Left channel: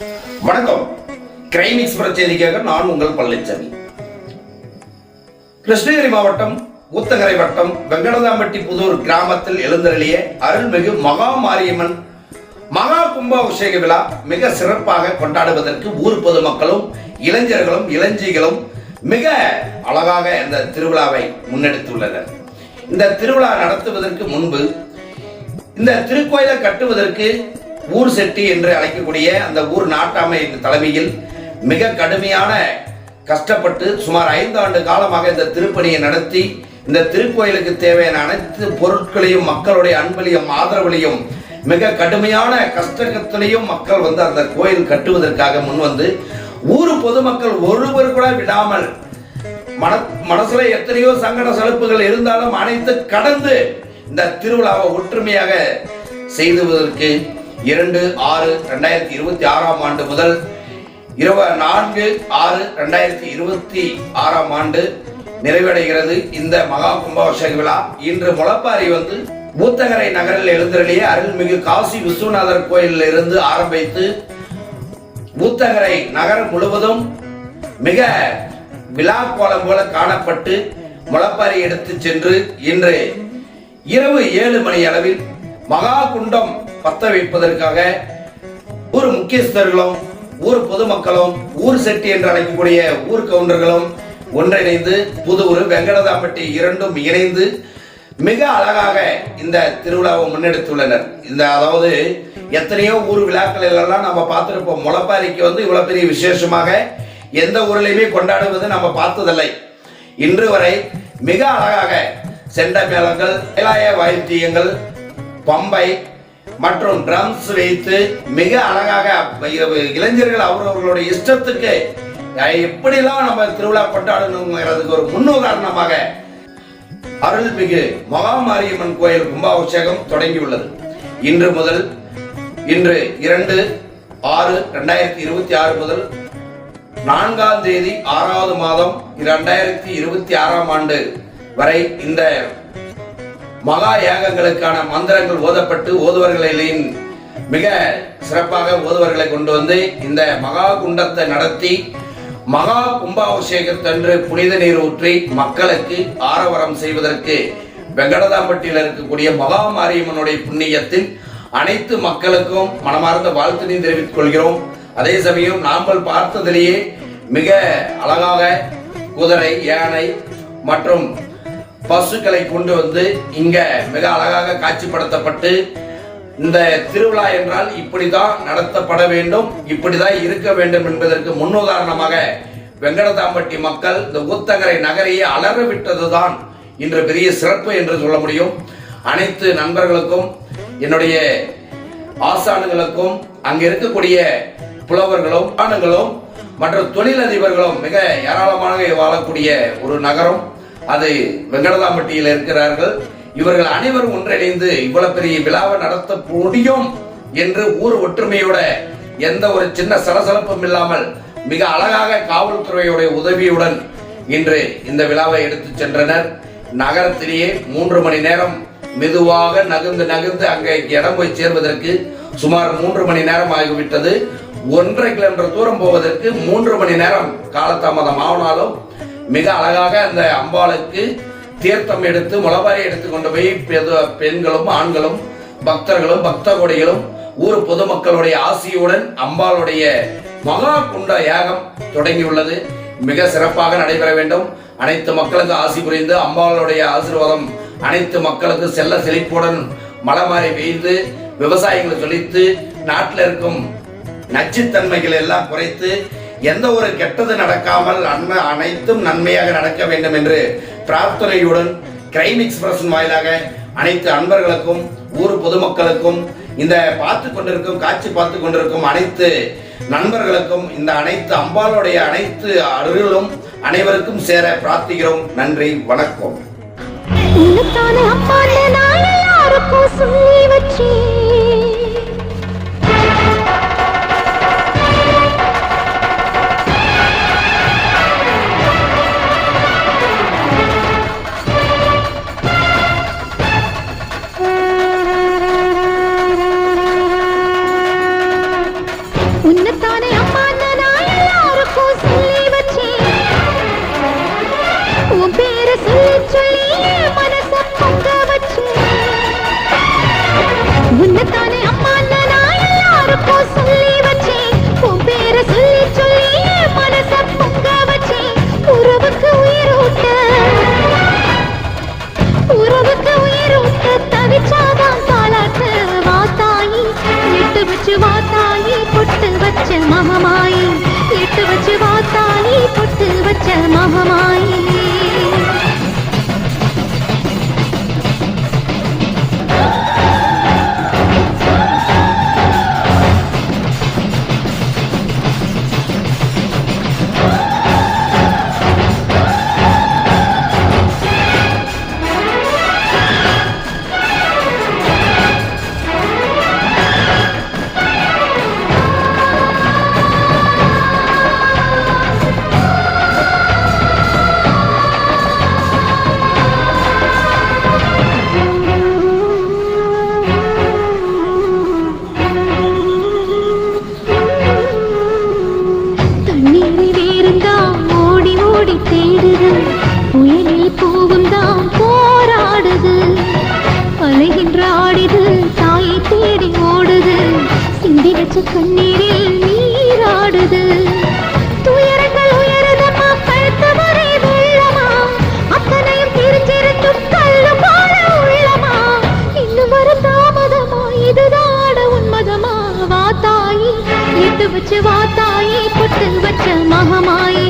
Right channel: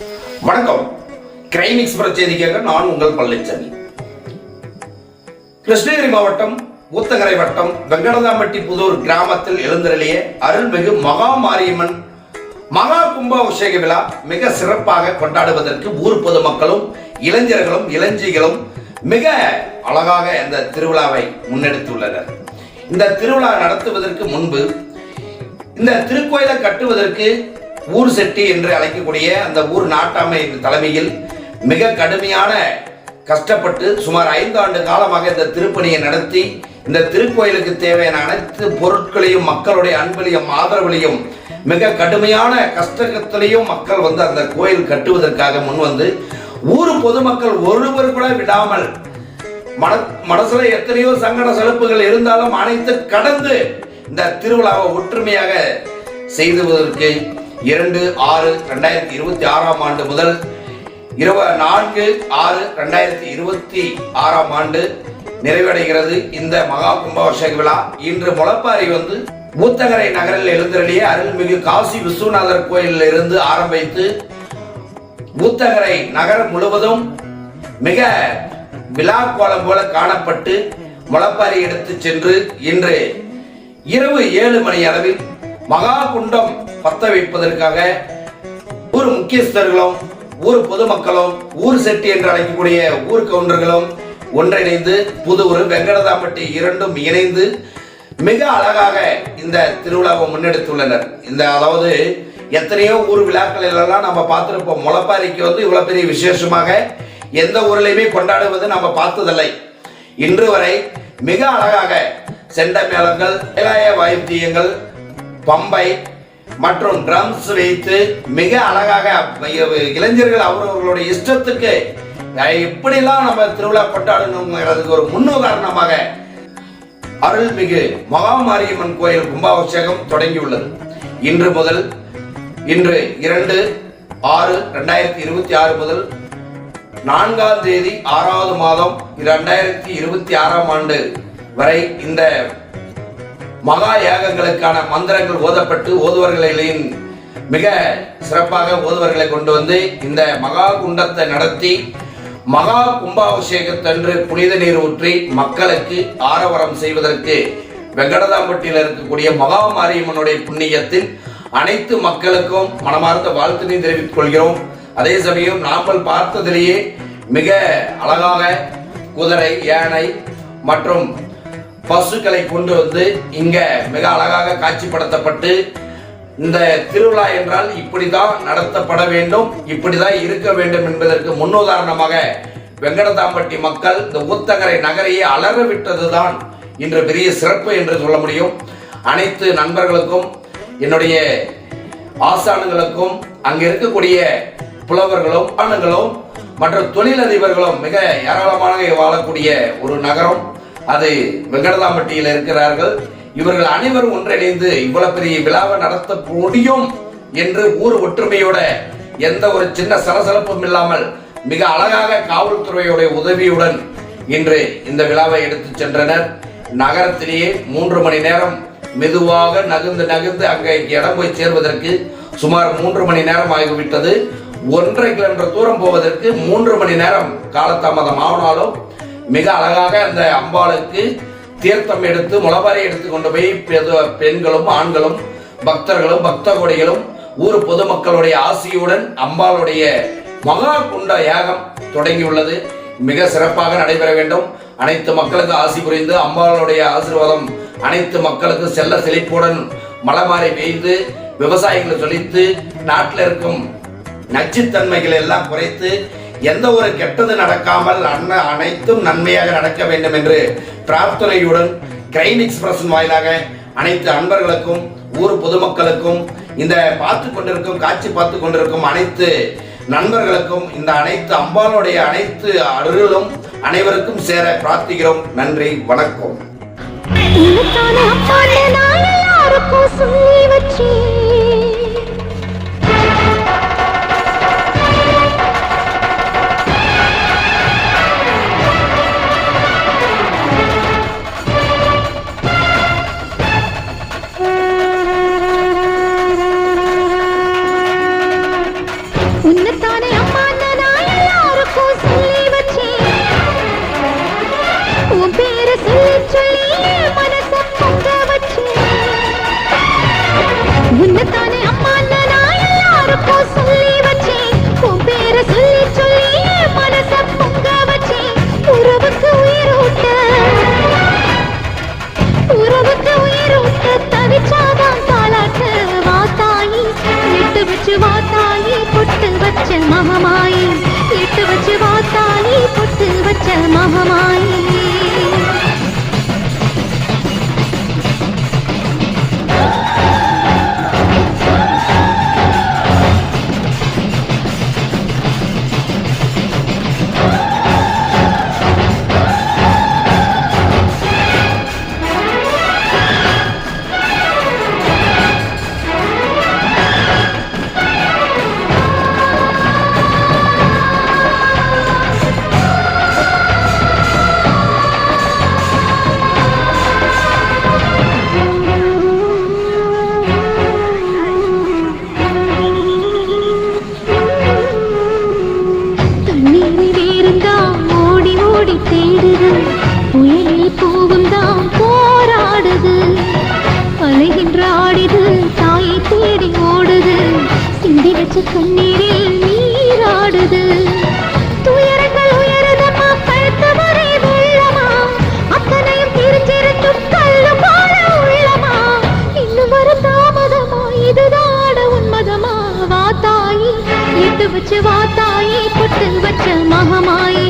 வணக்கம். Crime express செய்திக்காக நான் உங்கள் பழனிசாமி. கிருஷ்ணகிரி மாவட்டம் ஊத்தங்கரை வட்டம் வெங்கடதாம்பட்டி புதூர் கிராமத்தில் எழுந்தருளிய அருள்மிகு மகா மாரியம்மன் மகா கும்பாபிஷேக விழா மிக சிறப்பாக கொண்டாடுவதற்கு ஊர் பொதுமக்களும் இளைஞர்களும் இளஞ்சிகளும் மிக அழகாக இந்த திருவிழாவை முன்னெடுத்துள்ளனர். இந்த திருவிழா நடத்துவதற்கு முன்பு இந்த திருக்கோயிலை கட்டுவதற்கு ஊர் செட்டி என்று அழைக்கக்கூடிய அந்த ஊர் நாட்டாமை தலைமையில் மிக கடுமையான கஷ்டப்பட்டு சுமார் 5 ஆண்டு காலமாக இந்த திருப்பணியை நடத்தி இந்த திருக்கோயிலுக்கு தேவையான அனைத்து பொருட்களையும் மக்களுடைய அன்பையும் ஆதரவிலையும் மிக கடுமையான கஷ்டத்திலையும் மக்கள் அந்த கோயில் கட்டுவதற்காக முன் வந்து ஊர் பொதுமக்கள் ஒருவர் கூட விடாமல் மனசுல எத்தனையோ சங்கட சலுப்புகள் இருந்தாலும் அனைத்து கடந்து இந்த திருவிழாவை ஒற்றுமையாக செய்துவதற்கு 2/6/2026 ஆண்டு முதல் 24/6/2026 ஆண்டு நிறைவடைகிறது இந்த மகா கும்பாபிஷேக விழா. இன்று முளப்பாரி ஊத்தங்கரை நகரில் எழுந்தருளிய அருள்மிகு காசி விஸ்வநாதர் கோயிலில் இருந்து ஆரம்பித்து ஊத்தங்கரை நகரம் முழுவதும் மிக விழா கோலம் போல காணப்பட்டு முளப்பாரி எடுத்து சென்று இன்று இரவு 7 மணி அளவில் மகா குண்டம் பத்த வைப்பதற்காக ஊர் முக்கியஸ்தர்களும் ஊர் பொதுமக்களும் ஊர் செட்டி என்று அழைக்கக்கூடிய ஊர் கவுண்டர்களும் ஒன்றிணைந்து புதூர் வெங்கடதாம்பட்டி இரண்டும் இணைந்து மிக அழகாக இந்த திருவிழாவை முன்னெடுத்துள்ளனர். அதாவது எத்தனையோ ஊர் விழாக்கள் எல்லாம் நம்ம பார்த்திருப்போம். முளப்பாரிக்கு இவ்வளவு பெரிய விசேஷமாக எந்த ஊர்லயுமே கொண்டாடுவது நம்ம பார்த்ததில்லை. இன்று வரை மிக அழகாக செண்ட மேளங்கள், இளைய வாத்தியங்கள், பம்பை மற்றும் ட்ரம்ஸ் வைத்து மிக அழகாக இளைஞர்கள் அவர்களுடைய இஷ்டத்துக்கு எப்படிலாம் நம்ம திருவிழா கொண்டாடணுங்கிறதுக்கு ஒரு முன்னுதாரணமாக அருள்மிகு மகா மாரியம்மன் கோயில் கும்பாபிஷேகம் தொடங்கியுள்ளது. இன்று 2/6/2026 முதல் 4ஆம் தேதி 6வது மாதம் 2026 ஆண்டு வரை இந்த மகா யாகங்களுக்கான மந்திரங்கள் ஓதப்பட்டு ஓதுவர்களின் மிக சிறப்பாக ஓதுவர்களை கொண்டு வந்து இந்த மகா குண்டத்தை நடத்தி மகா கும்பாபிஷேகத்தன்று புனித நீர் ஊற்றி மக்களுக்கு ஆரவாரம் செய்வதற்கு வெங்கடதாம்பட்டியில் இருக்கக்கூடிய மகா மாரியம்மனுடைய புண்ணியத்தில் அனைத்து மக்களுக்கும் மனமார்ந்த வாழ்த்தினை தெரிவித்துக் கொள்கிறோம். அதே சமயம் நாங்கள் பார்த்ததிலேயே மிக அழகாக குதிரை, யானை மற்றும் பசுக்களை கொண்டு வந்து இங்க மிக அழகாக காட்சிப்படுத்தப்பட்டு இந்த திருவிழா என்றால் இப்படிதான் நடத்தப்பட வேண்டும், இப்படிதான் இருக்க வேண்டும் என்பதற்கு முன்னுதாரணமாக வெங்கடதாம்பட்டி மக்கள் இந்த ஊத்தங்கரை நகரையே அலற விட்டதுதான் இன்று பெரிய சிறப்பு என்று சொல்ல முடியும். அனைத்து நண்பர்களுக்கும் என்னுடைய ஆசான்களுக்கும் அங்க இருக்கக்கூடிய புலவர்களும் ஆண்களும் மற்றும் தொழிலதிபர்களும் மிக ஏராளமாக வாழக்கூடிய ஒரு நகரம் அது வெங்கடதாம்பட்டியில் இருக்கிறார்கள். இவர்கள் அனைவரும் ஒன்றிணைந்து இவ்வளவு பெரிய விழாவை நடத்த முடியும் என்று ஊர் ஒற்றுமையோட எந்த ஒரு சின்ன சலசலப்பும் இல்லாமல் மிக அழகாக காவல்துறையுடைய உதவியுடன் இன்று இந்த விழாவை எடுத்து சென்றனர். நகரத்திலேயே 3 மணி நேரம் மெதுவாக நகர்ந்து அங்கே இடம் போய் சேர்வதற்கு சுமார் 3 மணி நேரம் ஆகிவிட்டது. 1.5 கிலோமீட்டர் தூரம் போவதற்கு 3 மணி நேரம் காலதாமதம் ஆனாலும் மிக அழகாக அந்த அம்பாளுக்கு தீர்த்தம் எடுத்து முளப்பாரி எடுத்து கொண்டு போய் பெண்களும் ஆண்களும் பக்தர்களும் பக்த கொடிகளும் ஊர் பொதுமக்களுடைய ஆசியுடன் அம்பாளுடைய மகா குண்ட யாகம் தொடங்கியுள்ளது. மிக சிறப்பாக நடைபெற வேண்டும். அனைத்து மக்களுக்கு ஆசி புரிந்து அம்பாளுடைய ஆசீர்வாதம் அனைத்து மக்களுக்கு செல்ல செழிப்புடன் மழை மாறி பெய்து விவசாயிகள் செழித்து நாட்டில் இருக்கும் நச்சுத்தன்மைகள் எல்லாம் குறைத்து எந்த ஒரு கெட்டது நடக்காமல் அனைத்தும் நன்மையாக நடக்க வேண்டும் என்று பிரார்த்தனையுடன் கிரைம் எக்ஸ்பிரஸ் வாயிலாக அனைத்து அன்பர்களுக்கும் ஊர் பொதுமக்களுக்கும் இந்த காட்சி பார்த்து கொண்டிருக்கும் அனைத்து நண்பர்களுக்கும் இந்த அனைத்து அம்பாளுடைய அனைத்து அருளும் அனைவருக்கும் சேர பிரார்த்திக்கிறோம். நன்றி, வணக்கம். உன்னத்தானே அம்மா நான் எல்லாருக்கும் சொல்லி வச்சேன். உன் பேரை சொல்லி சொல்லி மனச பொங்க வச்சேன். உன்னத்தானே அம்மா நான் எல்லாருக்கும் சொல்லி வச்சேன். உன் பேரை சொல்லி சொல்லி மனச பொங்க வச்சேன். உறவுக்கு உயிரூட்ட தவிச்சாதான் தாளாட்ட வாத்தாயி எட்டு வச்சு வாத்தாயி பொட்டு வச்ச மகமாயி எட்டு வச்சு வாத்தாயி பொட்டு வச்ச மகமாயி. தேடுது புயலில் பூவும் தான் போராடுது அலைகின்ற ஆடிது தாயை தேடி ஓடுது சிந்தி வச்ச கண்ணீரில் நீராடுது துயரங்கள் உயருதமா கழுத்து வரை வெள்ளமா அத்தனையும் தெரிஞ்சிருக்கும் கல்லு போல உள்ளமா இன்னும் வர தாமதமா இதுதாட உன்மதமா வாத்தாயி எட்டு வச்சு வாத்தாயி பொட்டு வச்ச மகமாயி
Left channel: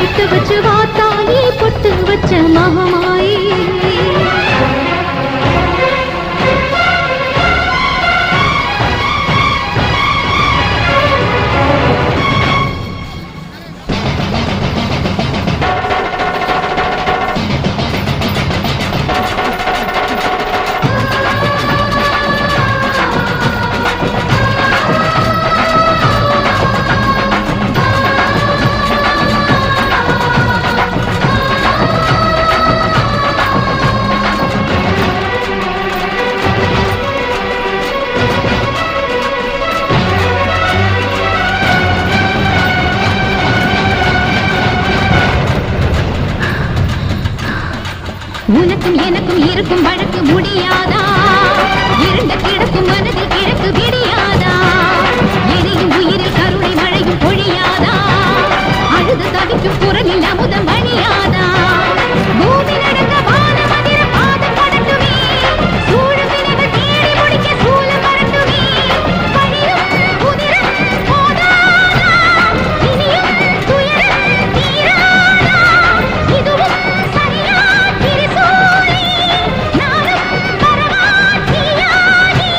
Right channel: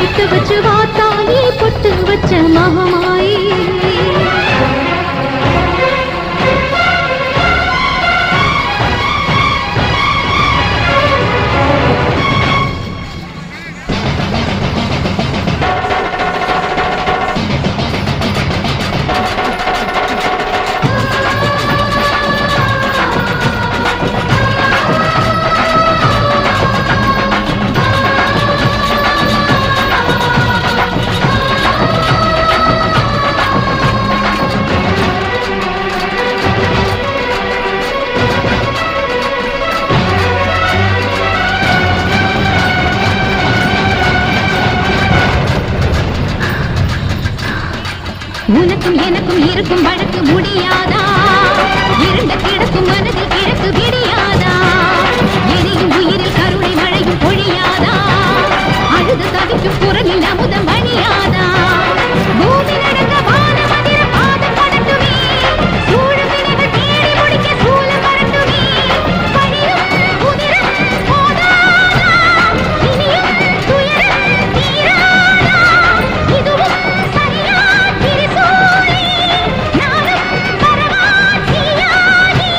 எட்டு வச்சு வாத்தாயி பொட்டு வச்ச மகமாயி. உனக்கும் எனக்கும் இருக்கும் வழக்கு முடியாதா இருண்ட கிடக்கும் மனதில் கிழக்கு விடியாதா எரியும் உயிரில் கருணை மழையும் பொழியாதா அழுது தவிக்கும் குரலில் அமுதம் வழியாதா பூமி நடந்த வானம் அதிர பாதம் படட்டுமே சூழும் வினைகள் தேடி முடிக்க சூழல் வரட்டுமே வழியும் உதிரம் போதாதா இனியும் துயரம் தீராதா இதுவும் சரியா திரிசூலி நானும் பரமாத்தியாகி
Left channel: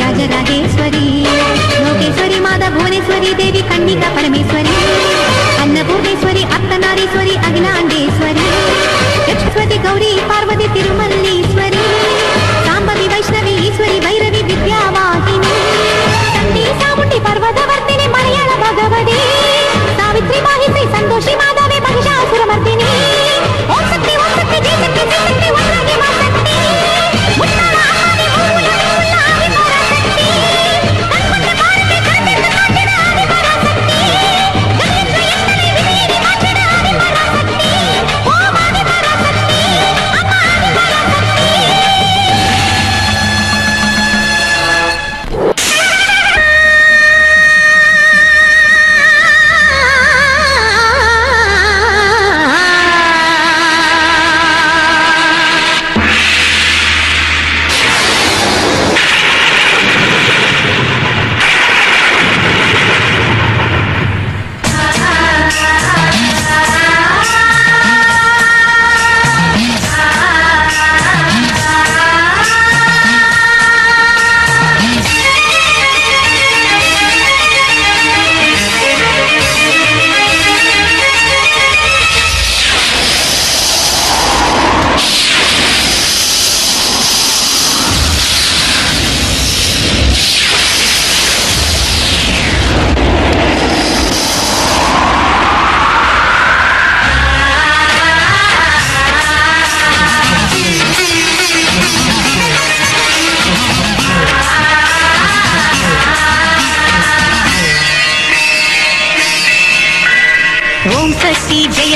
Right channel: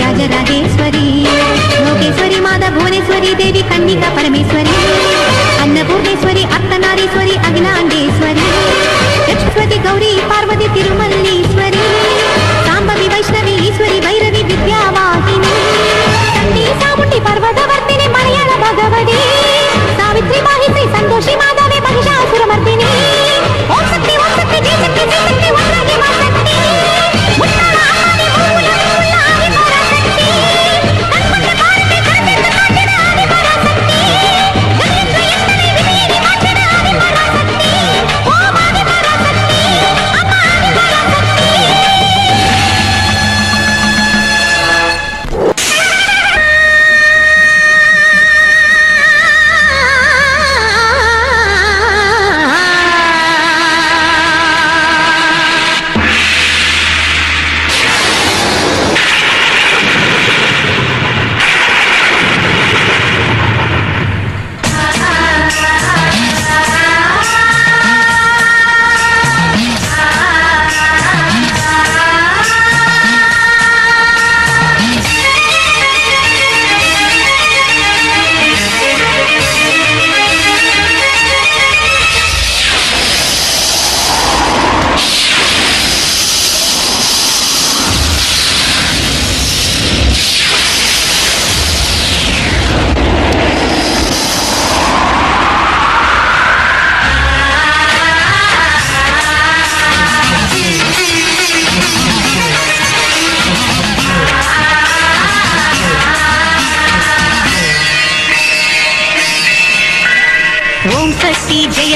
राजराजेश्वरी लोकेश्वरी माता भुवनेश्वरी देवी कन्नी அகிலா பரமேஸ்வரி அன்னபூர்ணேஸ்வரி அர்த்தநாரீஸ்வரி அகிலாண்டேஸ்வரி லட்சுமதி கௌரி பார்வதி திருமல்லீஸ்வரி சாம்பவி வைஷ்ணவி ஈஸ்வரி பைரவி வித்யாவாகினி சண்டி சாமுண்டி பர்வதவர்த்தினி மலையாள பகவதி சாவித்ரி மாஹித்ரி சந்தோஷி மாதவி மகிஷாசுரமர்த்தினி ஓம் சக்தி ஜெய் சக்தி ஜெய் சக்தி ஓம் சக்தி மா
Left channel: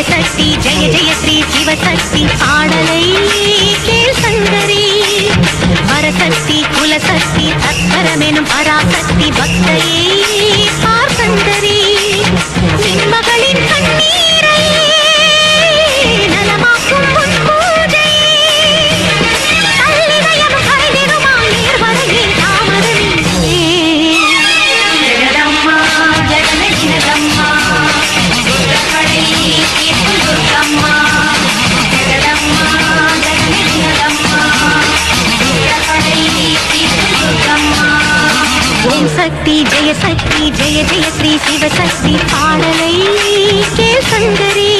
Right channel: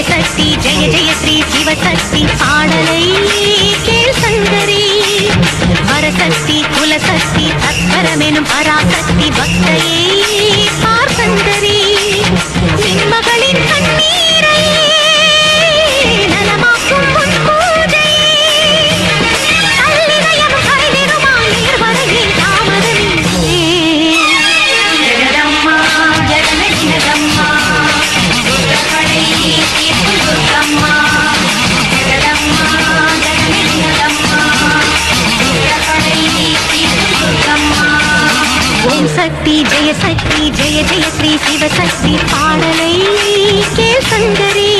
சக்தி ஜெய ஜெய ஸ்ரீ சிவசக்தி பாடலை கேள் சங்கரி வரசக்தி குலசக்தி தத்பரமெனும் பராசக்தி பக்தரே சார் சங்கரி மகளின் கண்ணீரை நலமாக்கும் முன்போதே கல்விமயம் கரைதிடுமாம் நீர்வரகே தாமரமே ஜெகதம்மா ஜெகதம்மா ஓம் சக்தி ஜெய ஸ்ரீ சிவசக்தி பாடலை கேள் சங்கரி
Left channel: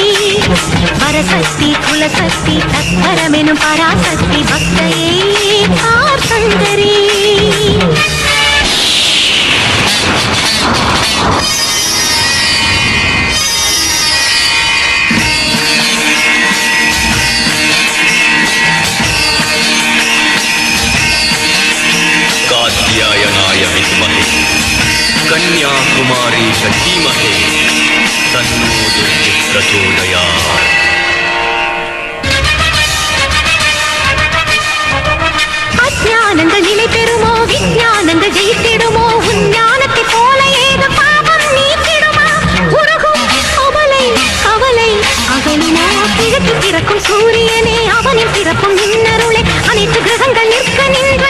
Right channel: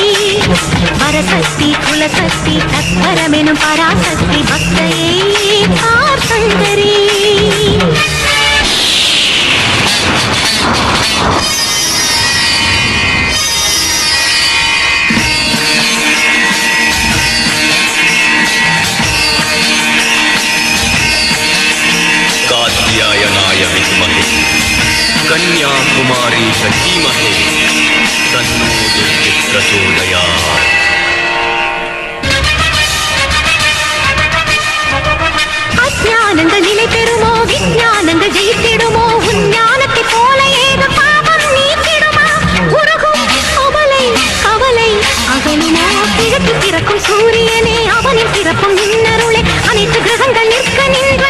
வரசக்தி குலசக்தி தத்பரமெனும் பராசக்தி பக்தரே பார் சங்கரி कन्याकुमारी धीमहि तन्नो प्रचोदयात् அஞ்ஞானங்கள் நிலை பெறுமோ விஞ்ஞானங்கள் ஜெயித்திடுமோ உஞ்ஞானத்தை போல ஏது பாவம் நீக்கிடுமா உலகம் கவலை கவலை அகலுமோ பிறப்பு பிறக்கும் சூரியனே அவனின் பிறப்பும் இன்னருளே அனைத்து கிரகங்கள் நிற்க நின்று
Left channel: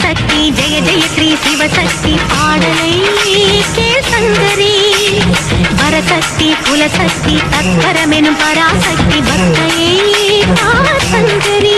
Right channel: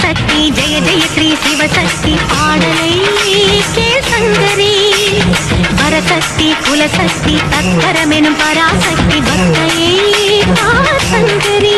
சக்தி ஜெய ஸ்ரீ சிவசக்தி பாடலை கேள் சங்கரி வரசக்தி குலசக்தி தத்பரமெனும் பராசக்தி பக்தரே தார் சங்கரி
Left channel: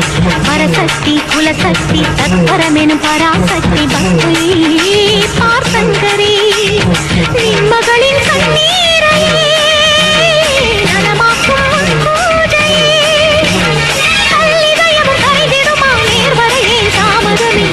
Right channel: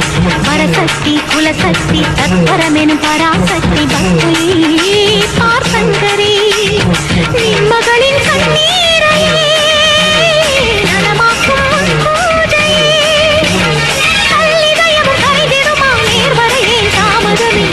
வரசக்தி குலசக்தி சக்கரமெனும் பராசக்தி பக்தை பார்சங்கரே நின் மகளின் கண்ணீரை நலமாக்கும் அன்போடையே கல்வியும் கைதிடுமா நேர்வரையே தாமதமே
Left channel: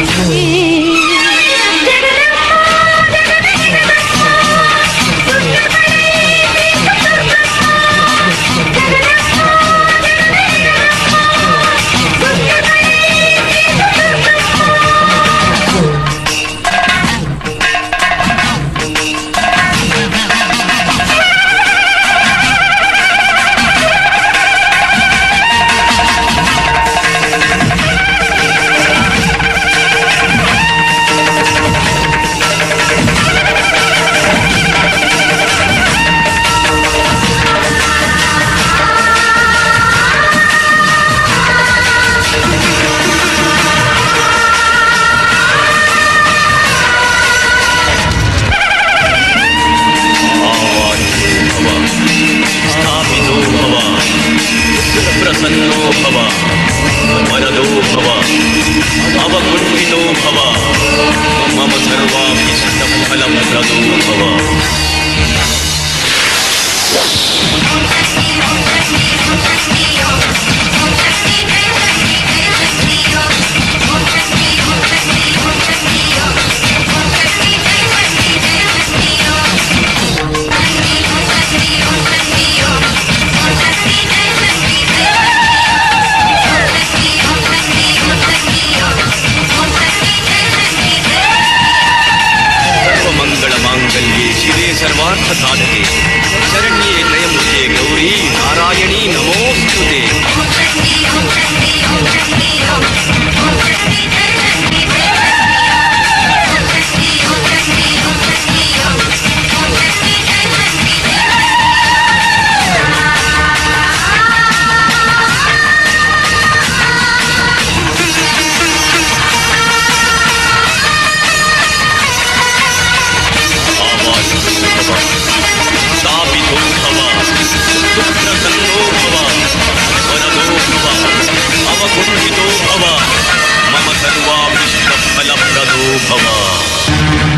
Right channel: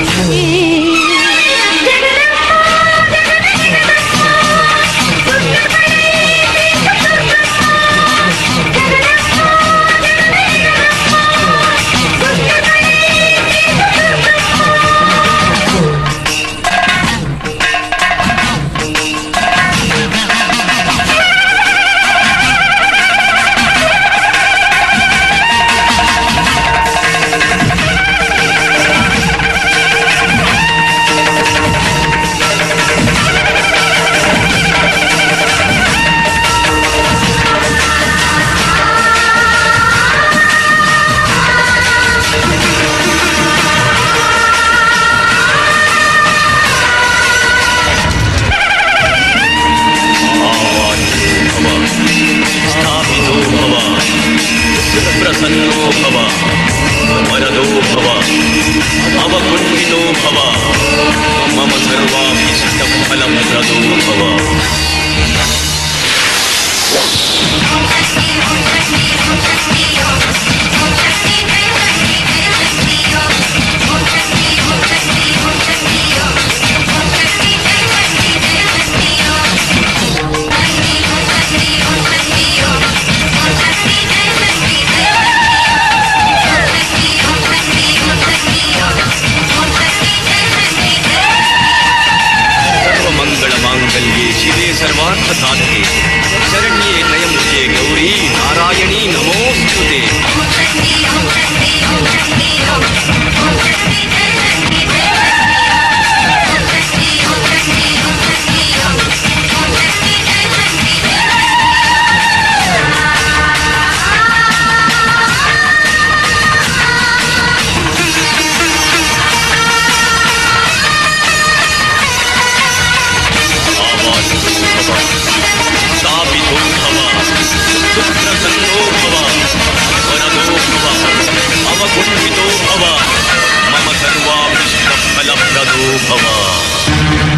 प्रसन्नो भव वरदो भव अवपुण्डितो भव मम सर्वाभीष्टं फलं प्रदो भव सर्वार्थसाधके शरण्ये त्र्यम्बके गौरी नारायणी नमोस्तुते मम सर्वाभीष्टफलप्रदो भव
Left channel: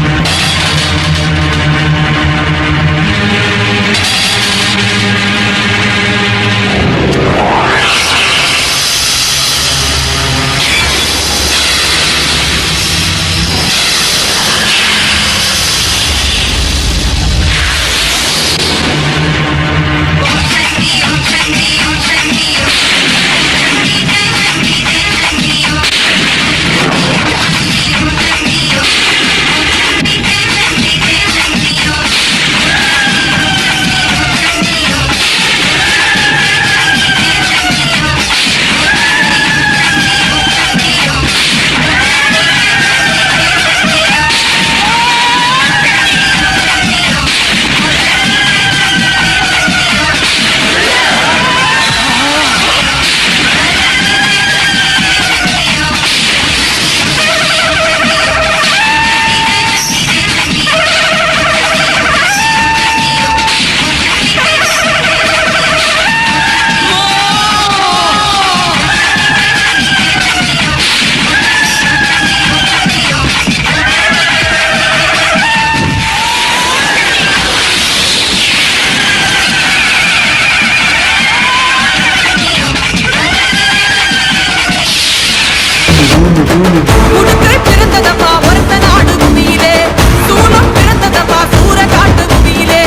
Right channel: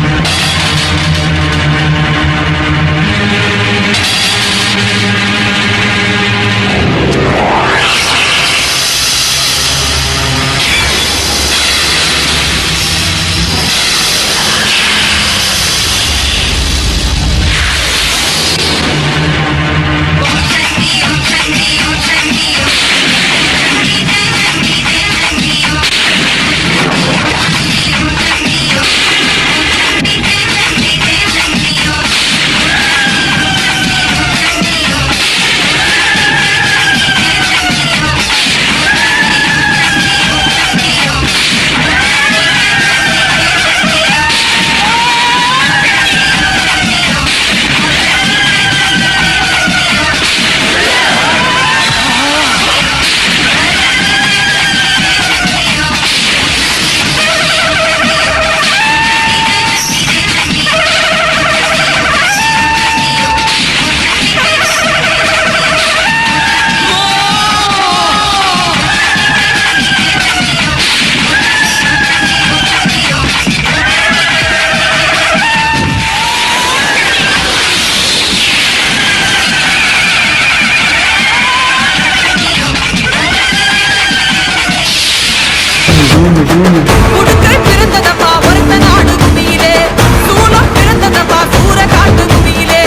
உடுக்கை பிறந்ததப்பா ஒருத்த நாடு பூமியிலே சூலம் பிறந்ததப்பா சூற காட்டு பூமியிலே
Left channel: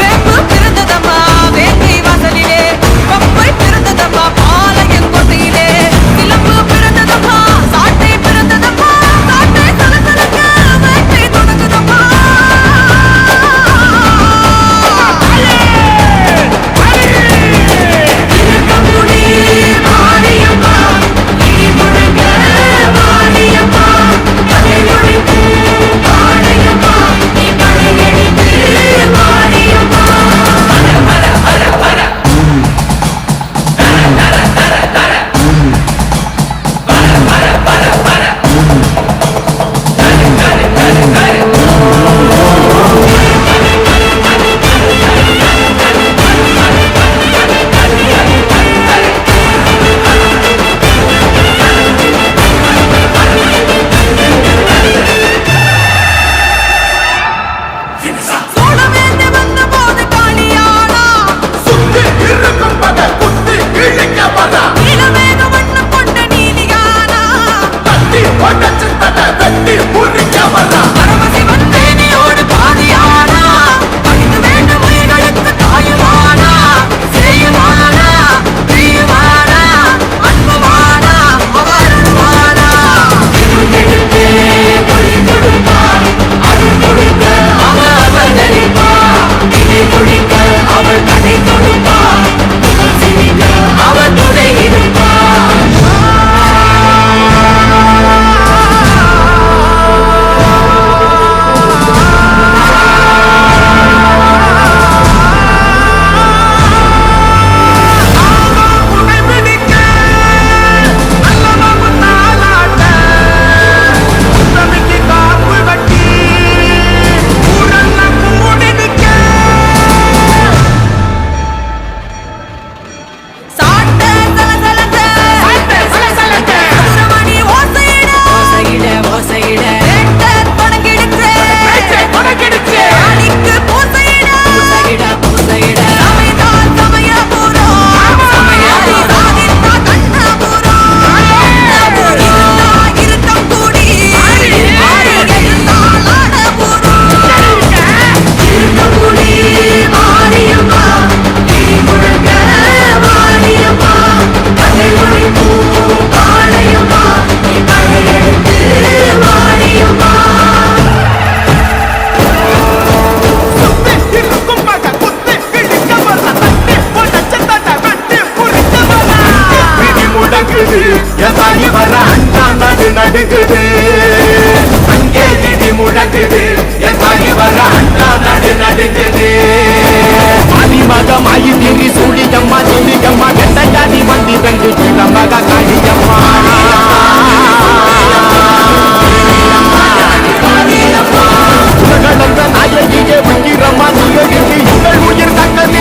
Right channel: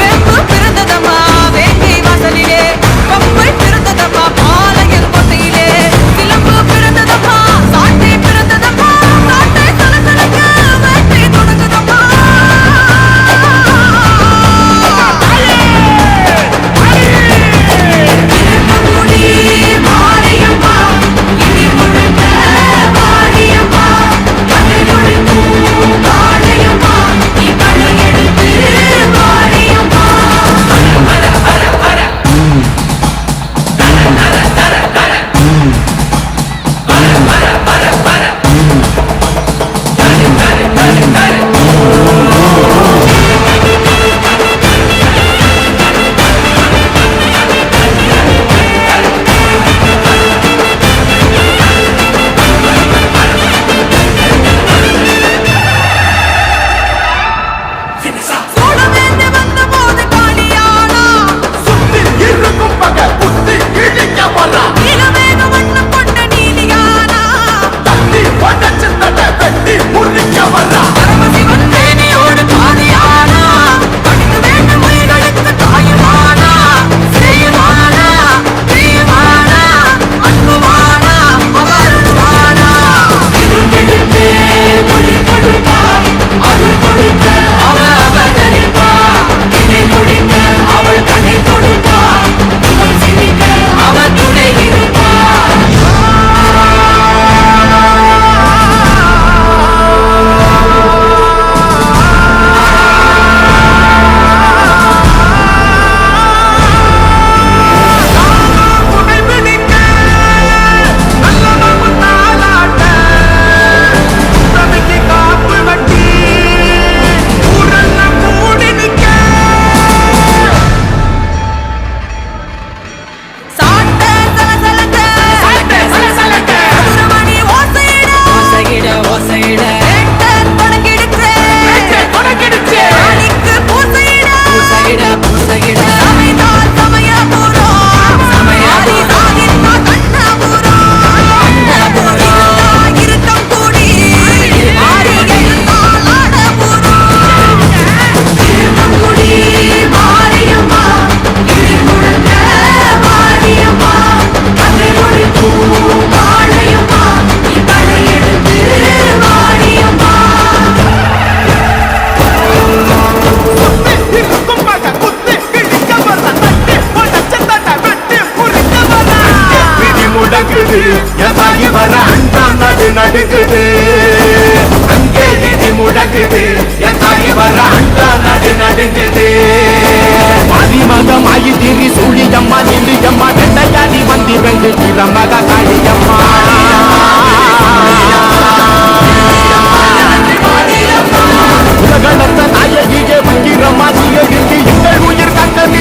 வேம்பு பிறந்ததம்மா வேங்கை வாசலிலே பம்பை பிறந்ததப்பா பாளையங்கோட்டையிலே சிலம்பு பிறந்ததப்பா சாட்டை பிறந்ததப்பா சாட்டை சலசலக்க வேட்டை தொடங்குதப்பா மாரியம்மா இடி முழங்க மாரியம்மா Nara என் தாயி வர அண்டா நடு நடுங்குது அங்கே இடி முழங்குது என் தாயி வர அண்டா நடு நடுங்குது ஆதிமகம் ஆயி திரி சூழியம்மா தில்லியம்மா வெண்டையாடி மந்திரங்கு வீரமக காளியம்மா உலகளந்த நாயகியே உயிரம்மா நீ எழுதி எங்கள் உயிர் கக்க நீ